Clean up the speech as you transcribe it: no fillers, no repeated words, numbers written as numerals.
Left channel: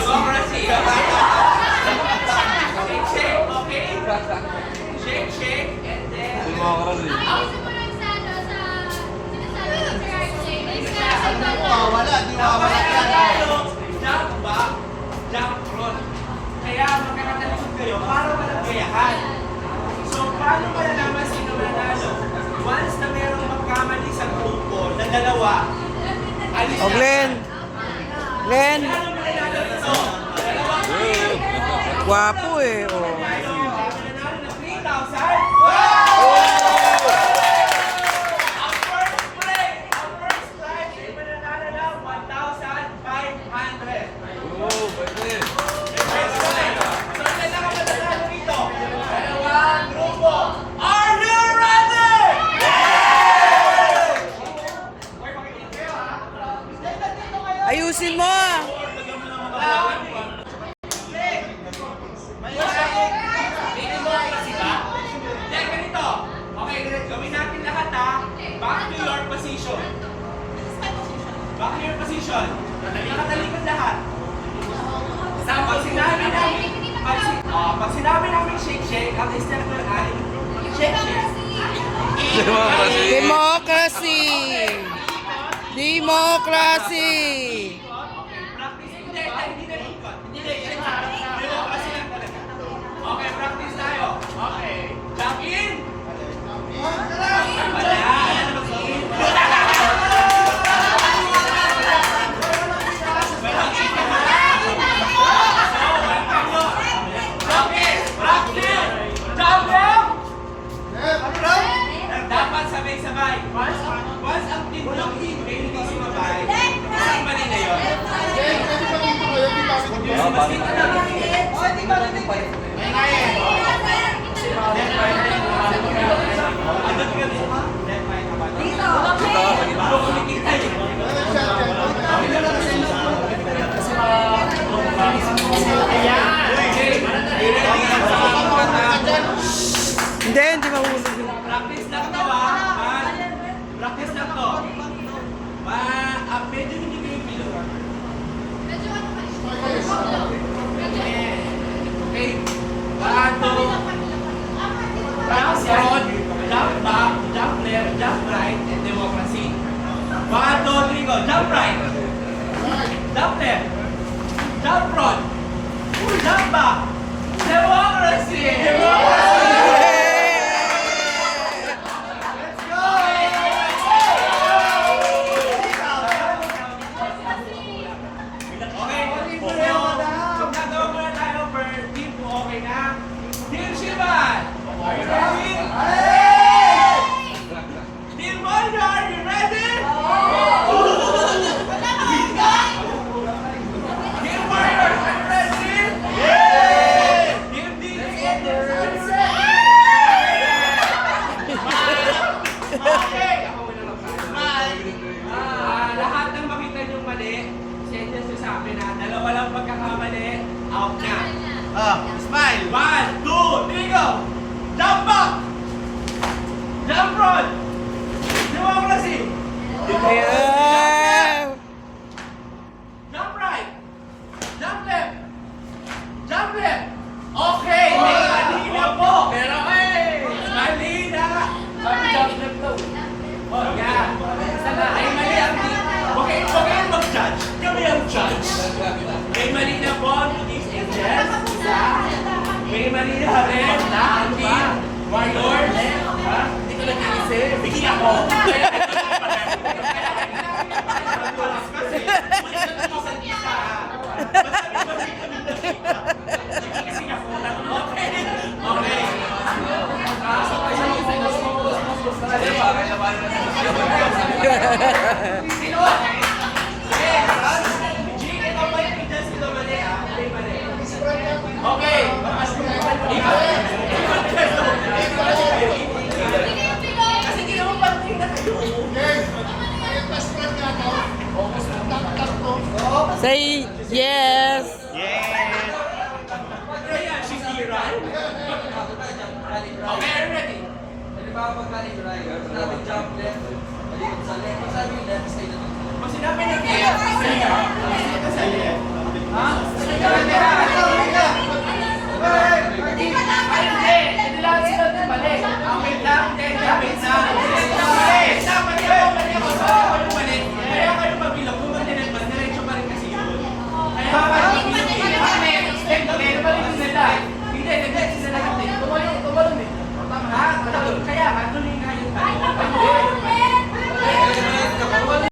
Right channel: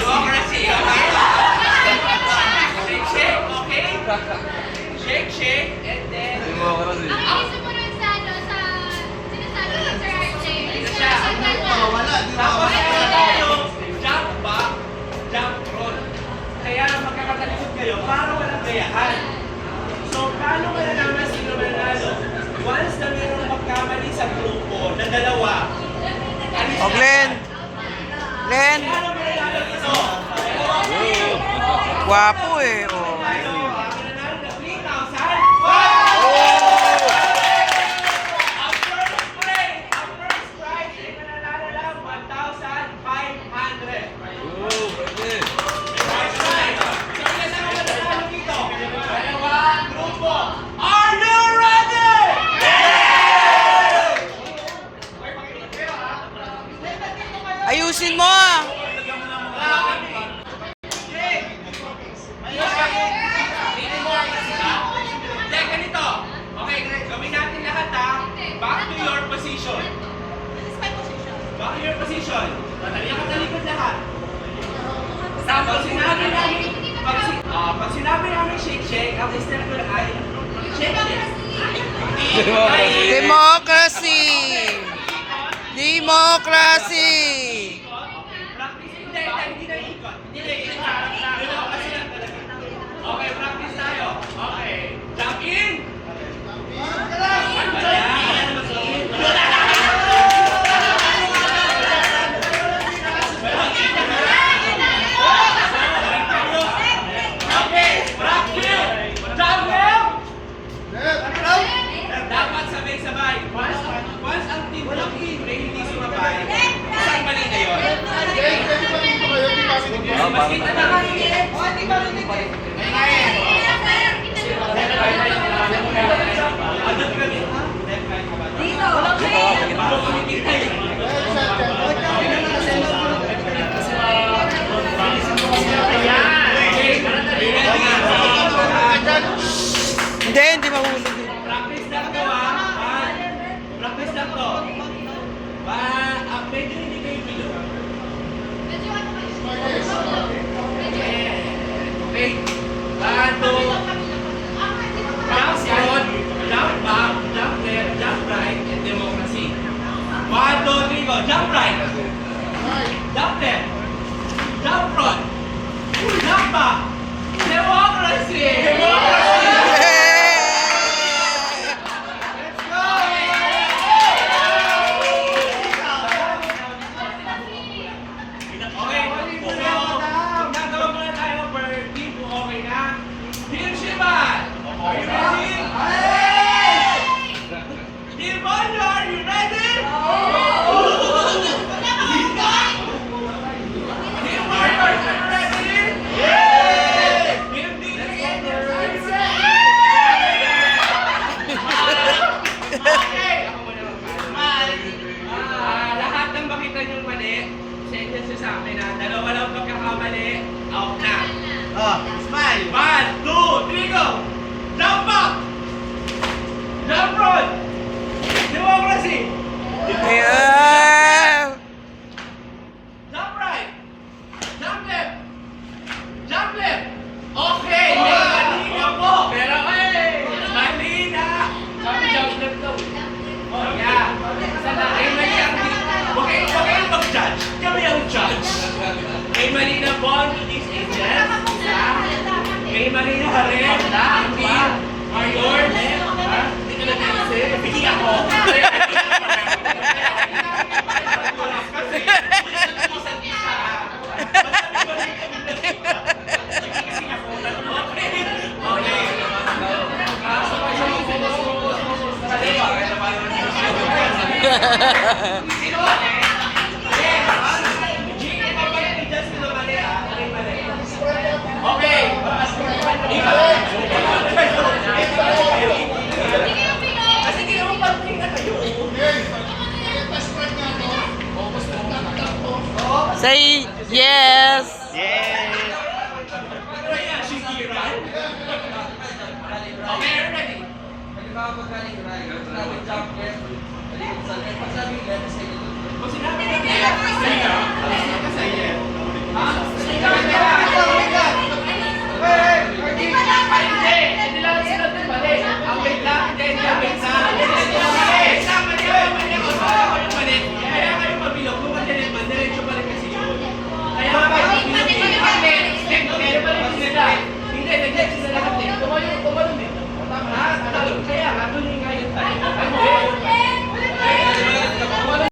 Democracy, okay? Shake, shake, okay? Shake, shake, and then... Democracy. Ang sumunod sa ano, sa sinasabi ni Sir RJ, is Siya, Wala, di tapos wala. kaya tayo, jump back, jump front. Kaya magkakatalikod kayo para walang gayahan. So, paano malalaman sino manalo? Once na meron magkamali sa grupo na dalawa, alis O, Glenn. Glenn. Paano malalaman ito? Gwapo eh. O. Manalo na 3,000. Ang first place, ang first prize ay mananalo lang 1,500. Oo, pwede. So, ilan ang mananalo dito? Dalawang grupo. Are you ready? Ayusin mo ah. Hindi, ganito. Okay, gawin natin lahat ha. Back to your position. Back to your position. Nakatalikod lahat. Pag sinabi namin, pag sinabi namin shake shake, ang step ko ay shake shake. Democracy. Democracy. Democracy. Practice, hindi na ikot. Hindi na ikot. Democracy lang talaga. Okay, practice tayo. Okay. Jump in. Ano ba yan? Dapat sabay-sabay. Once ang team ng in ay hindi sumabay, isang mali na yun. Pwede ba dito kayo? Di ba kami dito? Mas kita na lang. Di ba rin Hindi mahulog. Practice lang to ha. Practice lang to. Medyo hindi kayo bilo. Okay. Paano? Jump forward, jump back, jump left, jump right, and democracy. 1, 2, 3, go. Jump right. Jump left. Jump front. Jump back. Democracy. Okay, gagawa muna tayo per team kung okay na. Team Shiban! Are you ready? Team Mondo, are you ready? Team Warriors, are you ready? Team Defenders, are you ready? Okay! Lahat ng makita niyong mali, send nyo sa amin na dalawa lang pagkakamali, out na. Smile. 1, 2, 3, go! Jump back! Jump front! Democracy! Yeah. Jump right! Jump left! Jump left! Okay! May mali na po! Pero mali na! Kami jump left daw. Oh, yeah. May mali ang okay ang mag-judge. Kami ang judge. May mali na po ang these ages. Isa. May mali na rin ang team. Warriors. Dito na kasi. Bigyan ako. Kasi, ulit mo sa isa. Kasi ako. Okay. Okay. Sino ba? Okay. Kasi ginawa pa na kayo. Say yes. Ayan, she's here, right? Okay, are you ready? Kung sinabi na kaya, ha? Hindi lang sila din mali. Wait lang, wait lang. Kaya kayo mabilog, kung madiretso pa rin kasi yun. Kaya kayo mabilog, hindi. Hindi,